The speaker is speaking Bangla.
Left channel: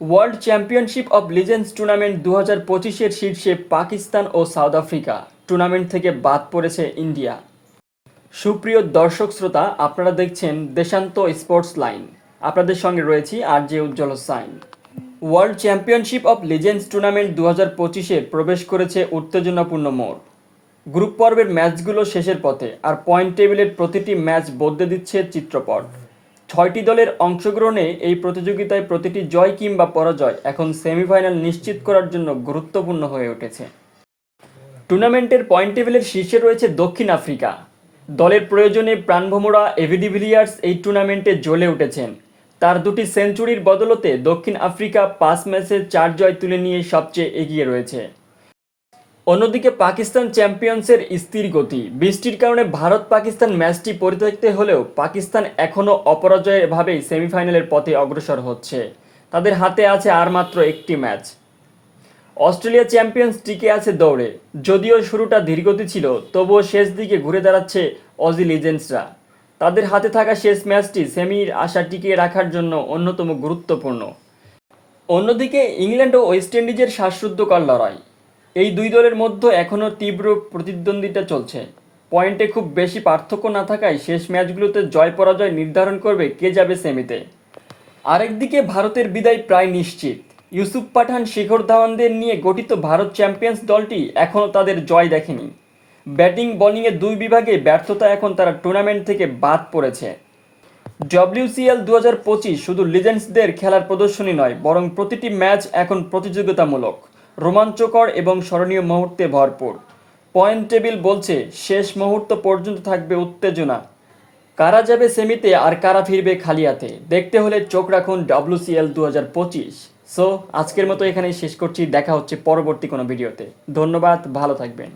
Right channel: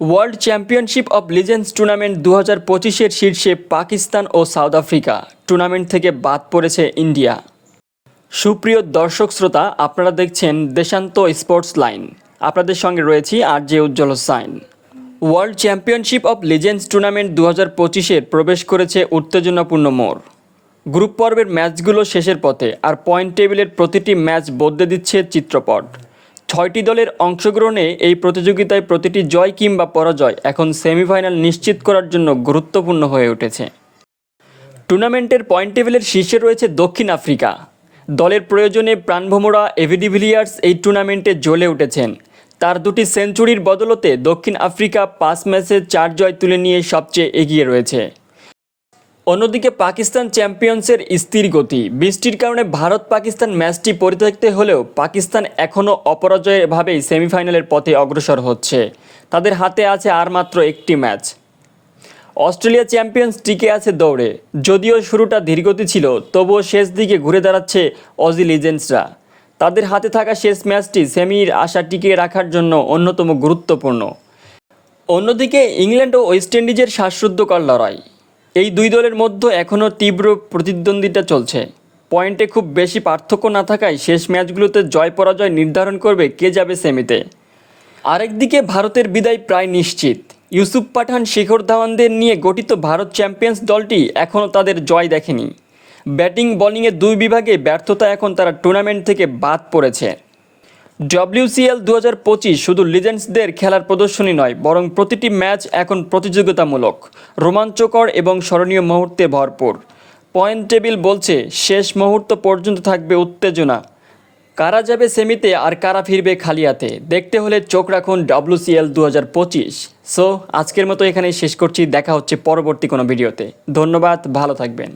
World championship of legends tournament 2025-এর শীর্ষে পাকিস্তান ও সাউথ আফ্রিকা। টুর্নামেন্ট থেকে বাদ পড়েছে ইন্ডিয়া। সুপ্রিয় দর্শক শ্রোতা, আপনারা দেখছেন দেশান্ত স্পোর্টস লাইন। আপনাদের সঙ্গে রয়েছি RJ Ujjwal Hossain. World championship of legends tournament 2025-এ প্রবেশ করেছে উত্তেজনাপূর্ণ মোড়। গ্রুপ পর্বের ম্যাচগুলো শেষের পথে, আর পয়েন্ট টেবিলের প্রতিটি ম্যাচ বদলে দিচ্ছে চিত্রপট। 6টি দলের অংশগ্রহণে এই প্রতিযোগিতায় প্রতিটি জয় কিংবা পরাজয় এখন সেমিফাইনাল নিশ্চিত করার জন্য গুরুত্বপূর্ণ হয়ে উঠেছে। টুর্নামেন্টের পয়েন্ট টেবিলের শীর্ষে রয়েছে দক্ষিণ আফ্রিকা। দলের প্রয়োজনে প্রাণভোমরা এভি ডিভিলিয়ার্স এই টুর্নামেন্টে জ্বলে উঠেছেন। তার দুটি সেঞ্চুরির বদলতে দক্ষিণ আফ্রিকা 5 ম্যাচে 4 জয় তুলে নিয়ে সবচেয়ে এগিয়ে রয়েছে। অন্যদিকে পাকিস্তান চ্যাম্পিয়ন্সের স্থির গতি। বৃষ্টির কারণে ভারত পাকিস্তান ম্যাচটি পরিত্যক্ত হলেও পাকিস্তান এখনও অপরাজয়ভাবেই সেমিফাইনালের পথে অগ্রসর হচ্ছে। তাদের হাতে আছে আর মাত্র একটি ম্যাচ। অস্ট্রেলিয়া চ্যাম্পিয়ন্স টিকে আছে দৌড়ে। যদিও শুরুটা ধীরগতি ছিল, তবুও শেষ দিকে ঘুরে দাঁড়াচ্ছে অজি লিজেন্ডসরা। তাদের হাতে থাকা শেষ ম্যাচটি সেমির আশা টিকিয়ে রাখার জন্য অন্যতম গুরুত্বপূর্ণ। অন্যদিকে ইংল্যান্ড ও ওয়েস্ট ইন্ডিজের শ্বাসরুদ্ধকর লড়াই। এই দুই দলের মধ্যে এখনও তীব্র প্রতিদ্বন্দ্বিতা চলছে। পয়েন্টে খুব বেশি পার্থক্য না থাকায় শেষ ম্যাচগুলোতে জয় পরাজয় নির্ধারণ করবে কে যাবে সেমিতে। আরেকদিকে ভারতের বিদায় প্রায় নিশ্চিত। ইউসুফ পাঠান, শিখর ধাওয়ানদের নিয়ে গঠিত ভারত চ্যাম্পিয়ন্স দলটি এখনও তাদের জয় দেখেনি। ব্যাটিং বোলিংয়ে দুই বিভাগে ব্যর্থতা এখন তারা টুর্নামেন্ট থেকে বাদ পড়েছে। WCL 2025 শুধু লিজেন্ডসদের খেলার প্রদর্শনী নয়, বরং প্রতিটি ম্যাচ এখন প্রতিযোগিতামূলক, রোমাঞ্চকর এবং স্মরণীয় মুহূর্তে ভরপুর। পয়েন্ট টেবিল বলছে শেষ মুহূর্ত পর্যন্ত থাকবে উত্তেজনা। কারা যাবে সেমিতে আর কারা ফিরবে খালি হাতে, দেখতে হলে চোখ রাখুন WCL 2025। সো আজকের মতো এখানেই শেষ করছি। দেখা হচ্ছে পরবর্তী কোনো ভিডিওতে। ধন্যবাদ, ভালো থাকবেন।